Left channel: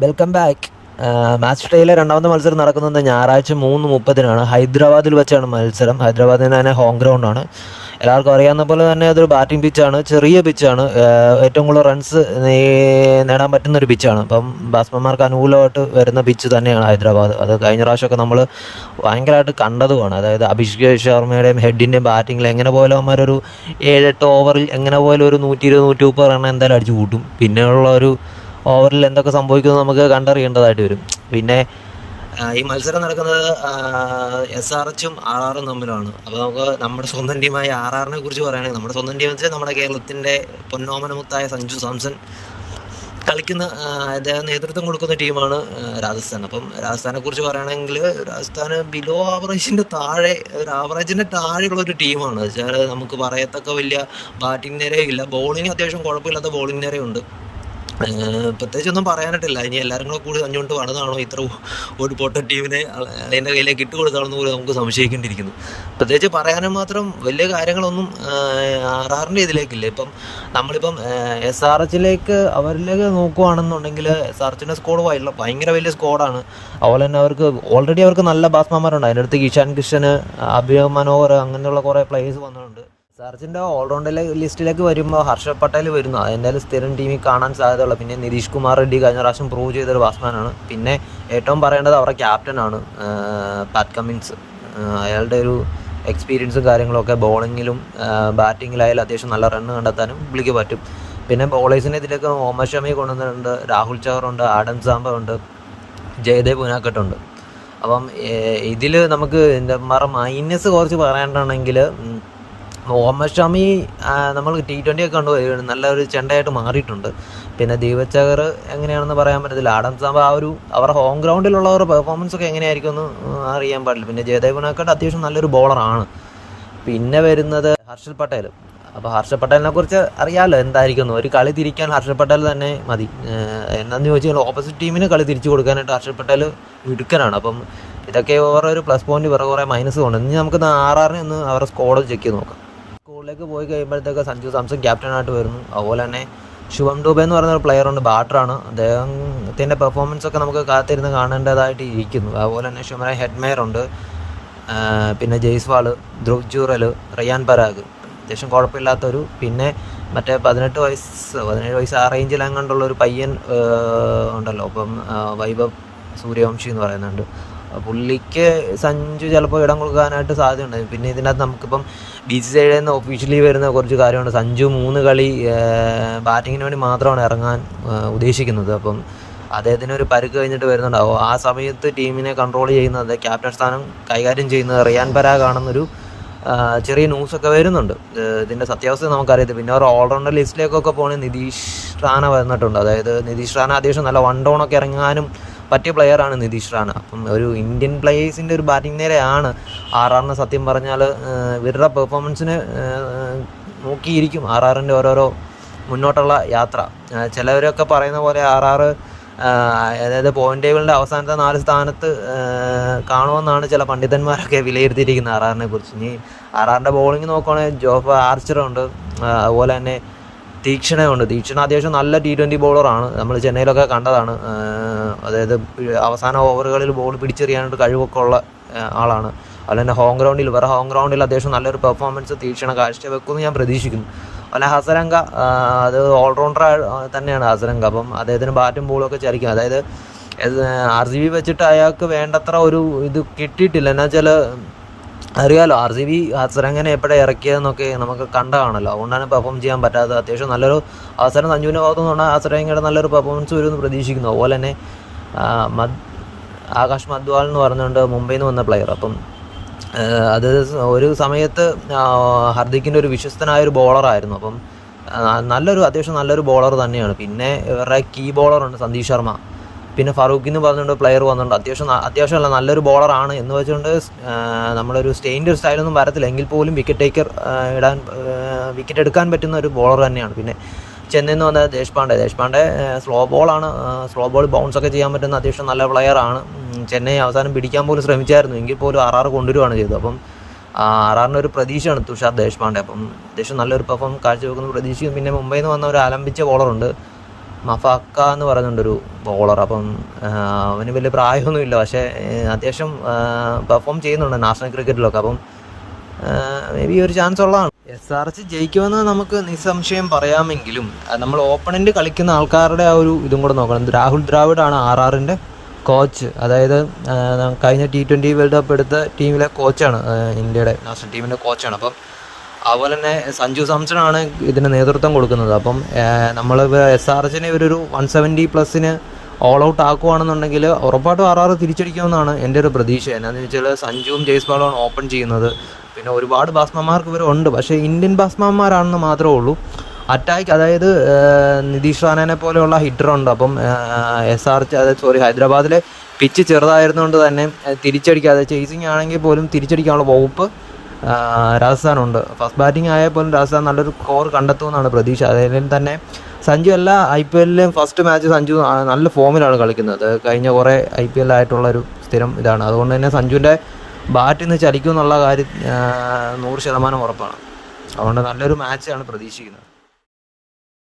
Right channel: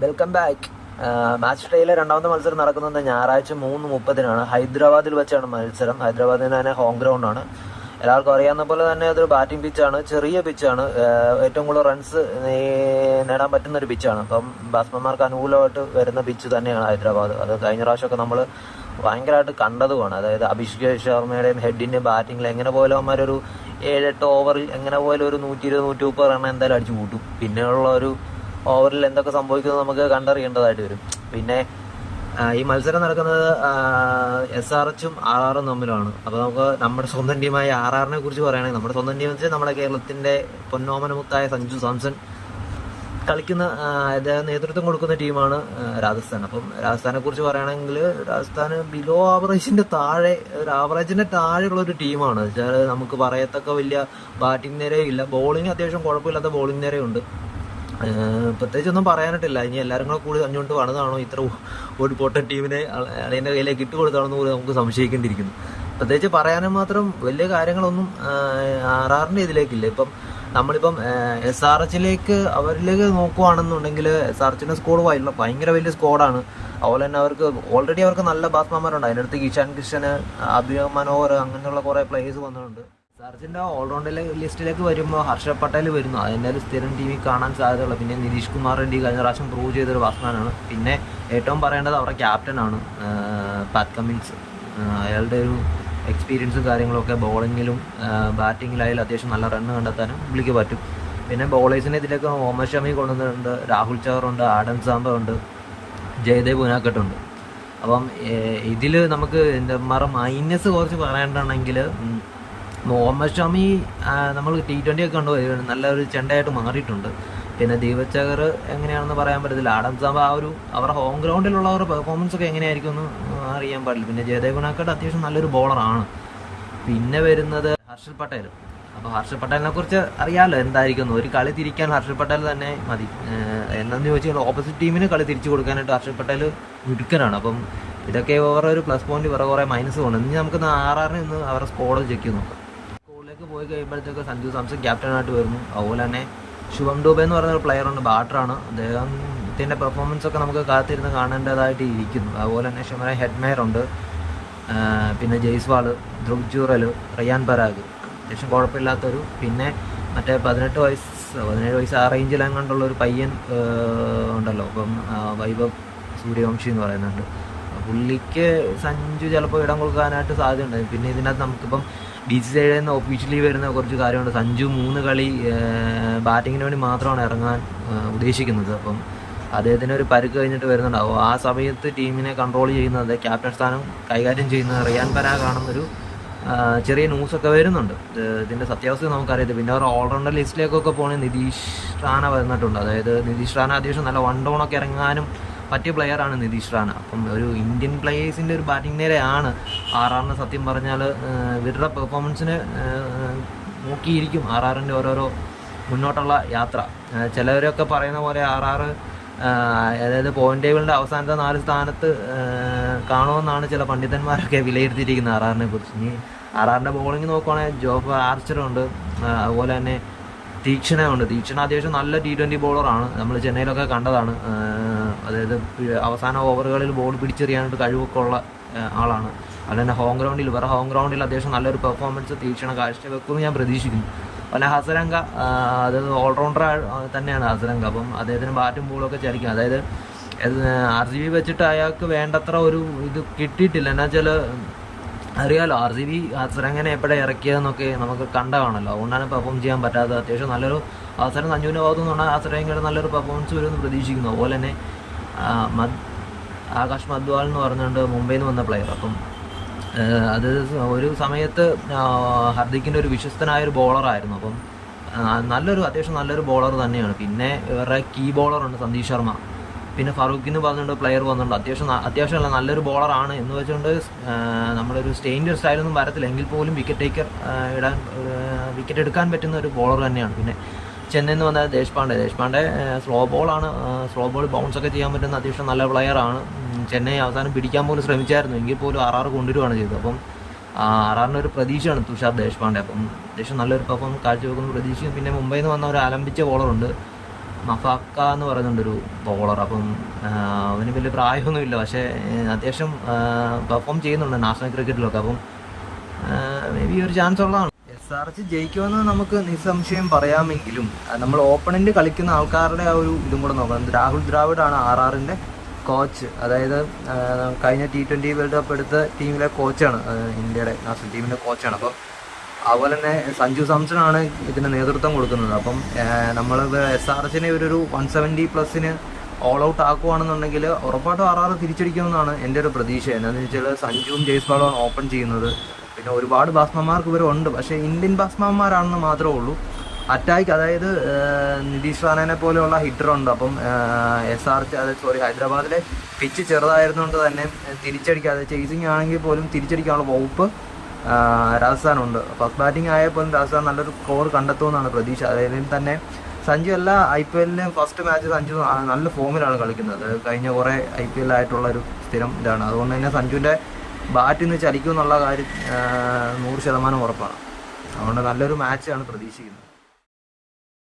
Welcome back. Match ഡേയിലെ രണ്ടാമത്തെ മത്സരം നടക്കുന്നത് ഞായറാഴ്ച 3:30 ഹൈദരാബാദിൽ വെച്ചാണ് മത്സരം. ഹൈദരാബാദിന് തന്നെ ഹോം ഗ്രൗണ്ടാണ്. എല്ലാവർക്കും അറിയാവുന്ന പോലെ തന്നെ അതൊരു ബാറ്റിംഗ് പിച്ചാണ്, ചെറിയ പിച്ചാണ്. ഏറ്റവും കൂടുതൽ റൺസ് നേടാൻ പറ്റുന്നൊരു പിച്ചാണ്. അപ്പം ബാറ്റ്സ്മാൻമാർക്ക് അനുകൂലമായിട്ട് വരുന്ന പിച്ച് തന്നെയാണ് ഹൈദരാബാദ്. അത് കഴിഞ്ഞ പ്രാവശ്യമൊക്കെ നമ്മൾ ഭയങ്കരമായിട്ട് കണ്ടതുമാണ്. അതായത് അഭിഷേക് ശർമ്മയുടെയും ഹെഡിൻ്റെയും ബാറ്റിങ്ങിൽ എങ്ങനെ പോലും അവന്മാരൊരു 7-8 ഓവറിൽ എങ്ങനെ പോലും ഒരു 120-130 റൺ എന്തായാലും അടിച്ചു കൂട്ടും. പിന്നെയുള്ള ഒരു ഓവറിൽ എന്തൊക്കെ സംഭവിക്കുന്നത് നമുക്ക് കണ്ടറിയേണ്ടതായിട്ട് വരും. പിന്നെ ഈ മത്സരം നടക്കുന്നത് SRH-ഉം RR-ഉം തമ്മിലാണ്. അപ്പോൾ നമുക്ക് നമ്മുടെ സ്വന്തം ടീമായ RR-നെ കുറിച്ച് പറയുകയാണെങ്കിൽ, നമ്മുടെ സ്വന്തം ടീം വെച്ച് നമ്മുടെ കേരളത്തിൻ്റെ പൊന്നോമനമുത്തായ സഞ്ജു സാംസൺ കളിക്കുന്ന അദ്ദേഹം നേതൃത്വം കൊടുക്കുന്ന ടീമാണ് രാജസ്ഥാൻ. അപ്പം രാജസ്ഥാനെ കുറിച്ച് പറയുകയാണെങ്കിൽ രാജസ്ഥാൻ ബിലോ ആവറേജിൻ്റെ താഴെ, ഒരു ആവറേജിൻ്റെ താഴെയുള്ള ഒരു ടീമാണ്. വെച്ചാൽ നമുക്ക് പറയത്തക്ക വലിയ ബാറ്റിംഗ് നിരയും ഇല്ല, ബോളിംഗ് അത്യാവശ്യം കുഴപ്പമില്ലാത്ത ബോളിംഗ് നിരയുണ്ട്. പ്രത്യേകിച്ചൊന്നും പറയാനായിട്ടില്ല. ഇനി എല്ലാവരും കൂടെ കൂടി അഞ്ഞുകൊണ്ട് പണിതാണോ ഇത്ര ഒരു പൊട്ട ടീമിനെ അതിൻ്റെ കയ്യിലേക്ക് ഇട്ട് കൊടുത്താണെന്ന് പോലും നമുക്ക് സംശയിക്കേണ്ടിയിരിക്കുന്നു. പ്രത്യേകിച്ച് പറയാനും മാത്രം വലിയ കാര്യങ്ങളൊന്നും RR-ൻ്റെ ഇതിലേക്കില്ല. ഇപ്പം നമ്മളിപ്പം SRH-ലേക്ക് അവരിലേക്ക് നോക്കുകയാണെന്നുണ്ടെങ്കിൽ SRH-ൻ്റെ സ്കോഡ് ഭയങ്കര വലിയ സ്കോഡാണ്. അതുപോലെ തന്നെ ഓൾറെഡി അവർക്ക് നല്ല ബാറ്റ്സ്മാൻമാരുണ്ട്. അതിൻ്റെ അടുത്ത് ഇഷാൻ കിഷൻ, അഭിനവ് മനോഹർ, അങ്ങനെയുള്ള കുറേ പ്ലേയേഴ്സ് വന്നിട്ടുണ്ട്. SRH-ൻ്റെ ഓൾറൗണ്ടർ ലിസ്റ്റിലേക്ക് വരുമ്പോൾ ഹർഷദ് പട്ടേൽ വരുന്നു. അതെന്തായാലും സ്ഥിരം ടീമിൽ കാണാൻ സാധ്യതയുള്ള. പിന്നെ നിതീഷ് കുമാർ റെഡ്ഡി കഴിഞ്ഞ പ്രാവശ്യം പ്രൂവ് ചെയ്തൊരു ബാറ്റ്സ്മാനാണ്. പിന്നെ ഏറ്റവും പറയേണ്ടത് അവരുടെ ക്യാപ്റ്റനാണ് പാറ്റ് കമ്മിൻസ്. അയാളുടെ ഒരു എക്സ്പീരിയൻസും കാര്യങ്ങളൊക്കെ ബോളിങ്ങിലും ബാറ്റിങ്ങിലായാലും അത്യാവശ്യം നല്ല റണ്ണ് കണ്ടെത്താനും പുള്ളിക്ക് പറ്റും. പിന്നെ ബോളേഴ്സിനെ ഇതിലേക്ക് മുഹമ്മദ് ഷമി കൊണ്ടുവന്നിട്ടുണ്ട്, രാഹുൽ ചഹറുണ്ട്, ആഡം സാംബ ഉണ്ട്, ജയദേവ് ഉനാക്കട്ടുണ്ട്. അപ്പം ഇതിൽ നമുക്ക് മൈനസ് കുറച്ച് പറയാനാണെങ്കിൽ, മുഹമ്മദ് ഷമി നമ്മൾ T20 ഒക്കെ കണ്ടു നല്ലൊരു ചെണ്ടയായിട്ട് മാറിയിട്ടുണ്ട്. പിന്നെ ദീപക് ചഹർ എങ്ങനെയാണെന്ന് പറയാൻ പറ്റത്തില്ല. ആഡം സാംബ അവരുടെ ഹോം ഗ്രൗണ്ടിലുള്ളവരുടെ പെർഫോമൻസ് ഒക്കെ എങ്ങനെയായിരിക്കും എന്ന് അറിയാൻ പാടില്ല. പിന്നെ ജയദേവ് ഉനാക്കട്ട് അത്യാവശ്യം നല്ലൊരു ബോളറാണ്. പിന്നെ വരുന്നത് ഹർഷദ് പട്ടേൽ. അപ്പോൾ ഹർഷദ് പട്ടേലിനെ കുറിച്ച് അറിയാമല്ലോ എന്തായിരിക്കുന്നു. ഒരു കളി തിരിക്കാൻ ഹർഷദ് പട്ടേൽ തന്നെ മതി. എന്താണെന്ന് ചോദിച്ചാൽ ഓപ്പോസിറ്റ് ടീമിന് കളി തിരിച്ചു കൊടുക്കാനായിട്ട് ഹർഷദ് പട്ടേൽ മിടുക്കനാണ്. അപ്പം ഇതൊക്കെ ഓരോ ഒരു പ്ലസ് പോയിന്റ് വേറെ കുറേ മൈനസ് ഉണ്ട്. ഇനി നമുക്ക് RR-നെ ഒന്ന് അവരുടെ സ്കോഡ് ചെക്ക് ചെയ്ത് നോക്കാം. സ്കൂളിലേക്ക് പോയി കഴിയുമ്പോഴത്തേക്ക് സഞ്ജു സാംസൺ ക്യാപ്റ്റനായിട്ട് വരുന്നു. അതുപോലെ തന്നെ ശുഭം ഡൂബെ എന്ന് പറയുന്ന ഒരു പ്ലെയറുണ്ട്, ബാറ്ററാണ്. അദ്ദേഹത്തിൻ്റെ പെർഫോമൻസ് ഒക്കെ നമുക്ക് കാത്തിരുന്ന് കാണേണ്ടതായിട്ട് ഇരിക്കുന്നു. അതുപോലെ തന്നെ ഷുമറ ഹെഡ്മേയർ ഉണ്ട്. പിന്നെ ജയ്സ്വാൾ, ധ്രുവ് ജൂറൽ, റയാൻ പരാഗ് അത്യാവശ്യം കുഴപ്പമില്ലാത്തൊരു. പിന്നെ മറ്റേ 17 വയസ്സ് ആ റേഞ്ചിൽ അങ്ങോട്ടുള്ളൊരു പയ്യൻ ഉണ്ടല്ലോ. അപ്പം വൈഭവ് സൂര്യവംശി എന്ന് പറയുന്നുണ്ട്. പുള്ളിക്ക് സഞ്ജു ചിലപ്പോൾ ഇടം കൊടുക്കാനായിട്ട് സാധ്യതയുണ്ട്. പിന്നെ ഇതിനകത്ത് നമുക്കിപ്പം BCCIയിൽ നിന്ന് ഒഫീഷ്യലി വരുന്ന കുറച്ച് കാര്യമുണ്ട്. സഞ്ജു 3 കളി ബാറ്റിങ്ങിന് വേണ്ടി മാത്രമാണ് ഇറങ്ങാൻ ഉദ്ദേശിക്കുന്നത്. അപ്പം അദ്ദേഹത്തിന് ഒരു പരുക്ക് കഴിഞ്ഞിട്ട് വരുന്നുണ്ടാവും. ആ സമയത്ത് ടീമിനെ കൺട്രോൾ ചെയ്യുന്നത്, ക്യാപ്റ്റൻ സ്ഥാനം കൈകാര്യം ചെയ്യുന്നത് റയാൻ പരാഗാണെന്നൊരു ചെറിയ ന്യൂസൊക്കെ വരുന്നുണ്ട്. ഇതിൻ്റെ സത്യാവസ്ഥ നമുക്കറിയത്തില്ല. പിന്നെ ഒരു ഓൾറൗണ്ടർ ലിസ്റ്റിലേക്കൊക്കെ പോകണമെങ്കിൽ നിതീഷ് റാന വന്നിട്ടുണ്ട്. അതായത് നിതീഷ് റാന അത്യാവശ്യം നല്ല 1 ഡൗണൊക്കെ ഇറങ്ങാനും പറ്റിയ പ്ലെയറാണ് നിതീഷ് റാന. അപ്പം ഒരു ഇന്ത്യൻ പ്ലേയേഴ്സിൻ്റെ ഒരു ബാറ്റിംഗ് നിരയാണ് RR-ന്. സത്യം പറഞ്ഞാൽ ഇവരുടെ പെർഫോമൻസിന് നോക്കിയിരിക്കും RR-ൻ്റെ ഓരോരോ മുന്നോട്ടുള്ള യാത്ര. ചിലവരൊക്കെ പറയുന്ന പോലെ RR അതായത് പോയിന്റ് ടേബിളിൻ്റെ അവസാനത്തെ 4 സ്ഥാനത്ത് കാണുമെന്നാണ് ചില പണ്ഡിതന്മാരൊക്കെ വിലയിരുത്തിയിരിക്കുന്നത് RR-നെ കുറിച്ച്. ഇനി RR-ൻ്റെ ബോളിംഗ് നോക്കുകയാണെങ്കിൽ ജോഫ് ആർച്ചറുണ്ട്, അതുപോലെ തന്നെ തീക്ഷണയുണ്ട്. തീക്ഷണ അത്യാവശ്യം നല്ല T20 ബോളറാണ്. നമ്മൾ ചെന്നൈയിലൊക്കെ കണ്ടതാണ്. അതായത് അവസാന ഓവറുകളിൽ ബോൾ പിടിച്ചെറിയാനായിട്ട് കഴിവൊക്കെ ഉള്ള ആളാണ്. അതുപോലെ തന്നെ വേറെ ഹോം ഗ്രൗണ്ടിൽ അത്യാവശ്യം നല്ലൊരു പെർഫോമൻസ് തീക്ഷണ കാഴ്ചവെക്കുമെന്ന് ഞാൻ പ്രതീക്ഷിക്കുന്നു. അതുപോലെ ഹസരംഗ, അത് ഓൾറൗണ്ടർ തന്നെയാണ് ഹസരംഗ. അപ്പം അദ്ദേഹത്തിന് ബാറ്റും ബോളും ഒക്കെ ചരിക്കും. അതായത് RCB വെച്ചിട്ട് അയാൾക്ക് വേണ്ടത്ര ഒരു ഇത് കിട്ടിയിട്ടില്ല. എന്നുവെച്ചാൽ അറിയാലോ RCB ഹസരംഗനെ എപ്പോഴാണ് ഇറക്കിയതെന്നൊക്കെ നമുക്ക് കണ്ടതാണല്ലോ. അതുകൊണ്ടാണ് പെർഫോം ചെയ്യാൻ പറ്റാത്തത്. അത്യാവശ്യം നല്ലൊരു അവസരം സഞ്ജുവിൻ്റെ ഭാഗത്തു നിന്നാണ് ഹസരംഗയുടെ നല്ലൊരു പെർഫോമൻസ് വരുമെന്ന് പ്രതീക്ഷിക്കുന്നു. അതുപോലെ തന്നെ ആകാശ് മദ്വാൾ എന്ന് പറഞ്ഞുകൊണ്ട് മുംബൈയിൽ നിന്ന് വന്ന പ്ലെയർ. അപ്പം അത് ഒരു സമയത്ത് ഹർദിക്കിൻ്റെ ഒരു വിശ്വസ്തനായൊരു ബോളറായിരുന്നു. അപ്പം അത്യാവശ്യം നല്ലൊരു ബോളർ തന്നെയാണ്. പിന്നെ ഇവരുടെ കീ ബോളറുണ്ട് സന്ദീപ് ശർമ്മ. പിന്നെ ഫറൂഖ് എന്ന് പറഞ്ഞുകൊണ്ട് പ്ലെയർ വന്നിട്ടുണ്ട്. അത്യാവശ്യമല്ല നല്ലൊരു ബോളറാണ് എന്ന് വെച്ചുകൊണ്ട് നമ്മളൊരു സ്റ്റെയിൻ്റെ ഒരു സ്റ്റൈലൊന്നും വരത്തില്ല. എങ്കിൽ പോലും വിക്കറ്റ് എടുക്കാൻ പറ്റുന്ന ഒരു ബോളർ തന്നെയാണ്. പിന്നെ ചെന്നൈയിൽ നിന്ന് വന്ന ദേശ്പാണ്ഡെ സ്ലോ ബോൾ ബൗൺസൊക്കെ ചെയ്യാൻ പറ്റുന്ന അത്യാവശ്യം നല്ല പ്ലെയറാണ്. ചെന്നൈ അവസാനം പിടിക്കാൻ പോലും ശ്രമിച്ചായിരുന്നു, എങ്കിൽ പോലും RR കൊണ്ടുവരുവാണ് ചെയ്തത്. അപ്പം RR-ന് ഒരു പ്രതീക്ഷയാണ് തുഷാർ ദേശ്പാണ്ഡെ. അപ്പം അത്യാവശ്യം നല്ലൊരു പെർഫോമൻസ് കാഴ്ചവെക്കുന്ന പ്രതീക്ഷയും. പിന്നെ മുംബൈയിൽ നിന്ന് വന്ന ഒരു ആലംബിച്ച ബോളറുണ്ട് മഫാക്ക എന്ന് പറയുന്നുണ്ടൊരു ബോളർ. അപ്പം അവന് വലിയ പ്രായമൊന്നുമില്ല, പക്ഷേ അത്യാവശ്യം പെർഫോം ചെയ്യുന്നുണ്ട് നാഷണൽ ക്രിക്കറ്റിലൊക്കെ. അപ്പം മേ ബി ഒരു ചാൻസ് ഉള്ളതാണ്. SRH ജയിക്കുമെന്ന് നമുക്ക് നിസ്സംശയം പറയാമെങ്കിലും നമ്മൾ ഓപ്പണൻ്റ് കളിക്കുന്ന ആൾക്കാരുടെ ആ ഒരു ഇതും കൂടെ നോക്കണം. രാഹുൽ ദ്രാവിഡാണ് RRൻ്റെ കോച്ച്. അതായത് കഴിഞ്ഞ T20 വേൾഡ് കപ്പ് എടുത്ത ടീമിലെ കോച്ചാണ്, ഇന്ത്യയുടെ നാഷണൽ ടീമിൻ്റെ കോച്ചാണ്. അപ്പം അതുപോലെ തന്നെ സഞ്ജു സാംസണാണ് ഇതിന് നേതൃത്വം കൊടുക്കുന്നത്. അപ്പം നമ്മൾ SRHനെ ഒരു 170+ ഓൾ ഔട്ട് ആക്കുകയാണെന്നുണ്ടെങ്കിൽ ഉറപ്പായിട്ടും RR തിരിച്ചടിക്കുമെന്നാണ് എൻ്റെ ഒരു പ്രതീക്ഷ. എന്നാന്ന് വെച്ചാൽ സഞ്ജുവും ജയ്സ്വാളുമാണ് ഓപ്പൺ ചെയ്യുന്നത്. പിന്നെ ഒരുപാട് ബാറ്റ്സ്മാൻമാർക്ക് ഇവരുണ്ട്, പക്ഷേ ഇന്ത്യൻ ബാറ്റ്സ്മാൻമാരാണെന്ന് മാത്രമേ ഉള്ളൂ. അറ്റാക്ക്, അതായത് നിതീഷ് റാനനെ പോലെയുള്ള ഹിറ്ററുണ്ട്. അപ്പം ഹൈദരാബാദിലെ പിച്ച് ചെറുതായിരുന്നുകൊണ്ട് തന്നെ തിരിച്ചടിക്കാതെ, ചേസിങ് ആണെങ്കിൽ പോലും തിരിച്ചടിക്കാനുള്ള വകുപ്പ് രാജസ്ഥാനുണ്ട്. ഫസ്റ്റ് ബാറ്റിംഗ് ആയാൽ പോലും രാജസ്ഥാൻ നല്ലൊരു സ്കോർ കണ്ടെത്തുമെന്നാണ് പ്രതീക്ഷ. അതിലും തന്നെ സഞ്ജു എല്ലാ IPL ഫസ്റ്റ് മാച്ച് സഞ്ജു നല്ല ഫോമിലാണ് കളിക്കുന്നത്. കഴിഞ്ഞ കുറേ IPL ആയിട്ടുള്ളൊരു സ്ഥിരം ഇതാണ്. അതുകൊണ്ട് തന്നെ സഞ്ജുവിൻ്റെ ബാറ്റിൽ നിന്ന് ചലിക്കും എന്നുള്ള കാര്യം 100% ഉറപ്പാണ്. അതുകൊണ്ട് നല്ലൊരു മാച്ചാണ് പ്രതീക്ഷിക്കുന്നത്.